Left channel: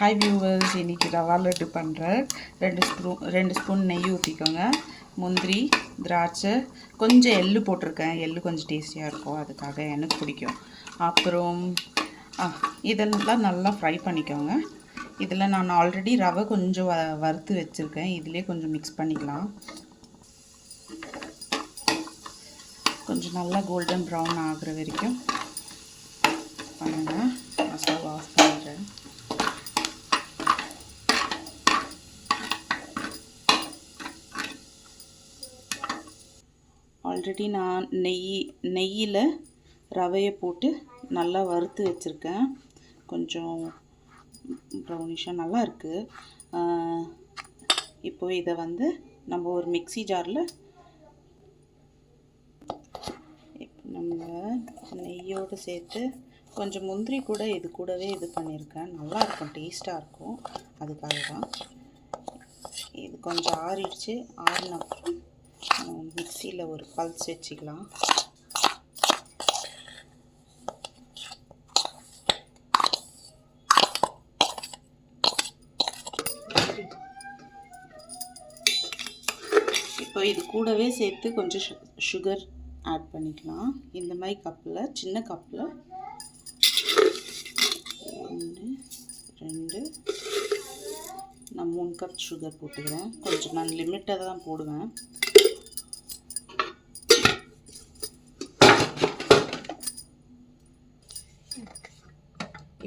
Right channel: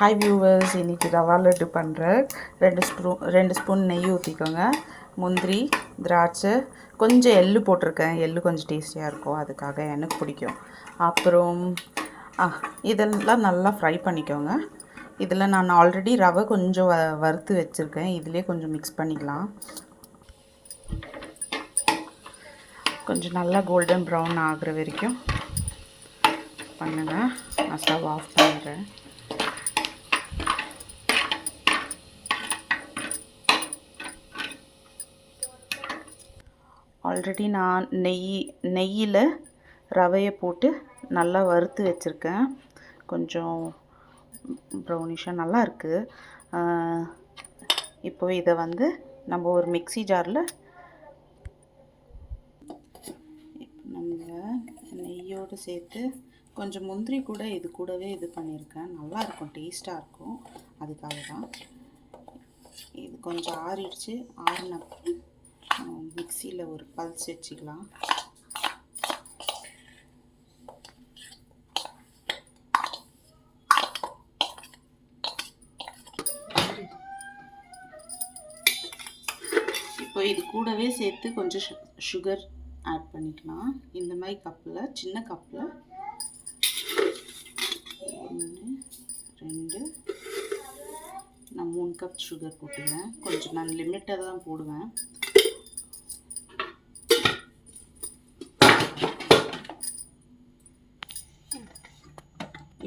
Hi viewers, இன்றைக்கி ரவா லட்டு பண்ணுறேன். 2 spoon நெய் ஊற்றிக்கோங்க. முந்திரி, திராட்சை, கொஞ்சம் எள்ளு போட்டிருக்கேன். எள்ளு கொஞ்சம் டேஸ்டியாக இருக்கும், அதுக்காக எனக்கு பிடிக்கும். அப்புறம் இதெல்லாம் நல்லா ஃப்ரை பண்ணிக்கோங்க. இதில் நான் ஆல்ரெடி ரவை கொஞ்சம் வறுத்து வச்சுருக்கேன். இதிலே கொஞ்சம் மிக்ஸ் பண்ணிக்கலாம். கொஞ்சம் நல்லா கோல்டன் ப்ரௌன் ஆகிற வரைக்கும் பண்ணுங்கள். நான் ஸ்டவ் ஆஃப் பண்ணுறேன். ஆல்ரெடி நான் நெய்யில் ரவையை போட்டு நல்லா வறுத்து வச்சுருக்கேன். கொஞ்சம் ப்ரௌனிஷாக நல்லா இருக்குது. இப்போ இதை நம்ம ஒரு மிக்ஸி ஜாரில் நம்ம நெய்யோடு சேர்த்து கொஞ்சம் முந்திரி கூட இது கூடவே இது பண்ணியிருக்கேன். நல்லாயிருக்கும், டேஸ்ட்டாக இருக்கும். அதுக்காக தான் இது கொஞ்சம் ஆறிடுச்சு. ஆறினப்புறம் மிக்ஸியில் ஒரு பல்ஸ் வச்சுக்கலாம். இப்போ இது கூடவே சேர்த்து கொஞ்சம் சுகர் ஆட் பண்ணிக்கலாம். இந்த மாதிரி கப்பில், சின்ன கப்பில் 1 2 நான் 3 கப் சுகர் போட்டுக்கிறேன். கொஞ்சம் நான் லிமிட்டாக தான் போடுவேன்.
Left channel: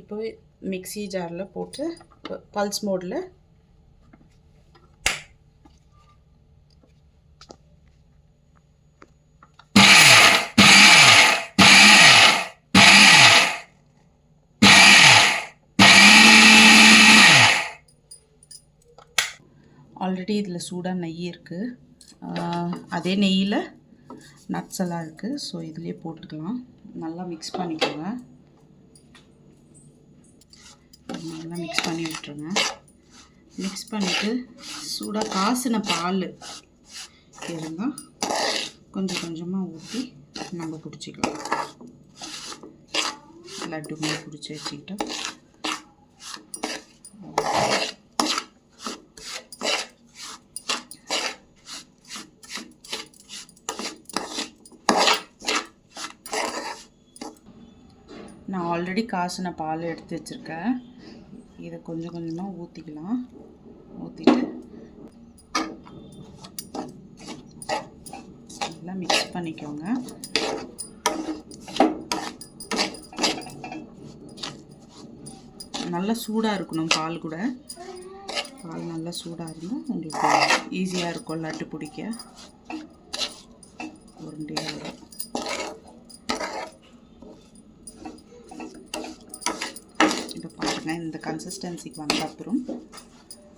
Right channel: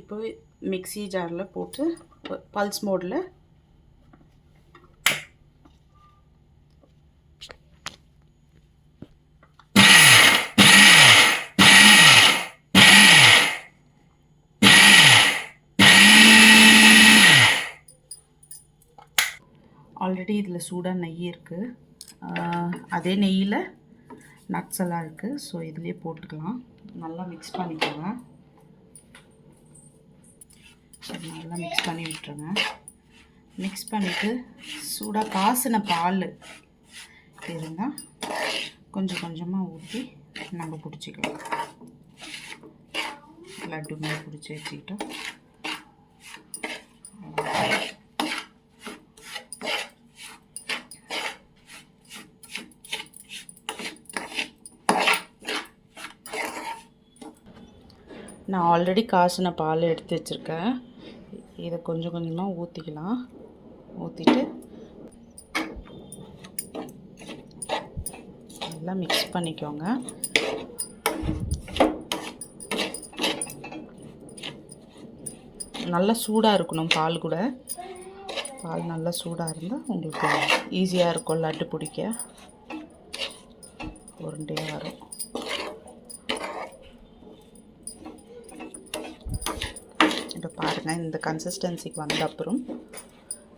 இப்போ மிக்ஸி ஜாரில் போட்டு பல்ஸ் மோடில் ஆல்ரெடி இதில் சூடாக நெய் இருக்குது. அதே நெய்யில் நட்ஸ் எல்லாம் இருக்குது. ஸோ இதிலே போட்டுக்கலாம். நல்லா மிக்ஸ் பண்ணிக்கோங்க. நல்லா மிக்ஸ் பண்ணி விட்டுருங்க. மிக்ஸ் பண்ணிவிட்டு சூடாக காசின பால் இருந்தால் கொஞ்சம் கொஞ்சமாக ஊற்றி நம்ம பிடிச்சிக்கலாம். லட்டு மாதிரி பிடிச்சி வச்சுக்கிட்டோம். நான் ஆல்ரெடி காசின பால் எடுத்து வச்சுருக்கேன். இதை கொஞ்சம் கொஞ்சமாக ஊற்றிக்கலாம். ஊற்றிட்டு நல்லா மிக்ஸ் பண்ணிக்கோங்க. நல்லா சூடாக இருக்கணும் பால் கூட. பால் நல்லா சூடாக இருந்தால் உங்களுக்கு ஈஸியாக இருக்கும் லட்டு பிடிக்க. உருண்டையாக வரும். இப்போ பாருங்கள், இந்த கன்சிஸ்டன்சிக்கு வந்த அப்புறம்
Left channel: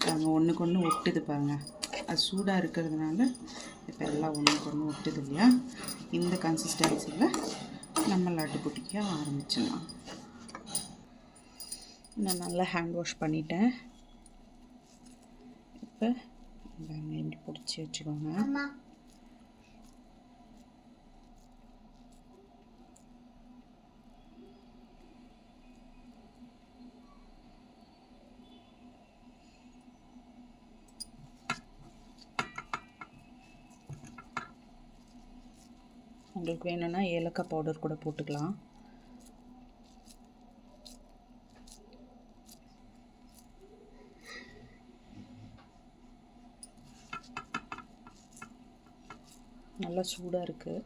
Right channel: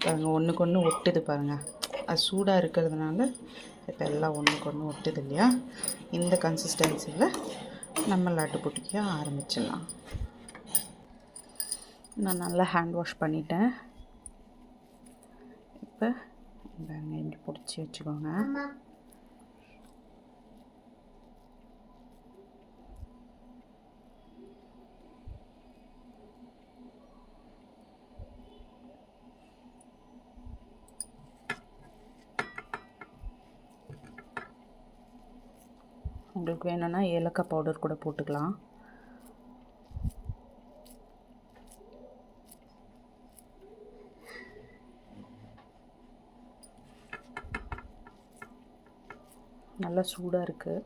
பாருங்கள், ஒன்றுக்கு ஒன்று ஒட்டுது பாருங்கள். அது சூடாக இருக்கிறதுனால இப்போ எல்லாம் ஒன்றுக்கு ஒன்று ஒட்டுது இல்லையா? இந்த கன்சிஸ்டன்சியில் நம்ம லட்டு பிடிக்க ஆரம்பிச்சிடலாம். நான் நல்லா ஹேண்ட் வாஷ் பண்ணிட்டேன். இப்போ இப்படி பிடிச்சி வச்சுக்கோங்க. உங்களுக்கு வேணும்னா ஏலக்காய் பவுடர் கூட போட்டுக்கலாம். நல்லா சூடாக இருக்குது.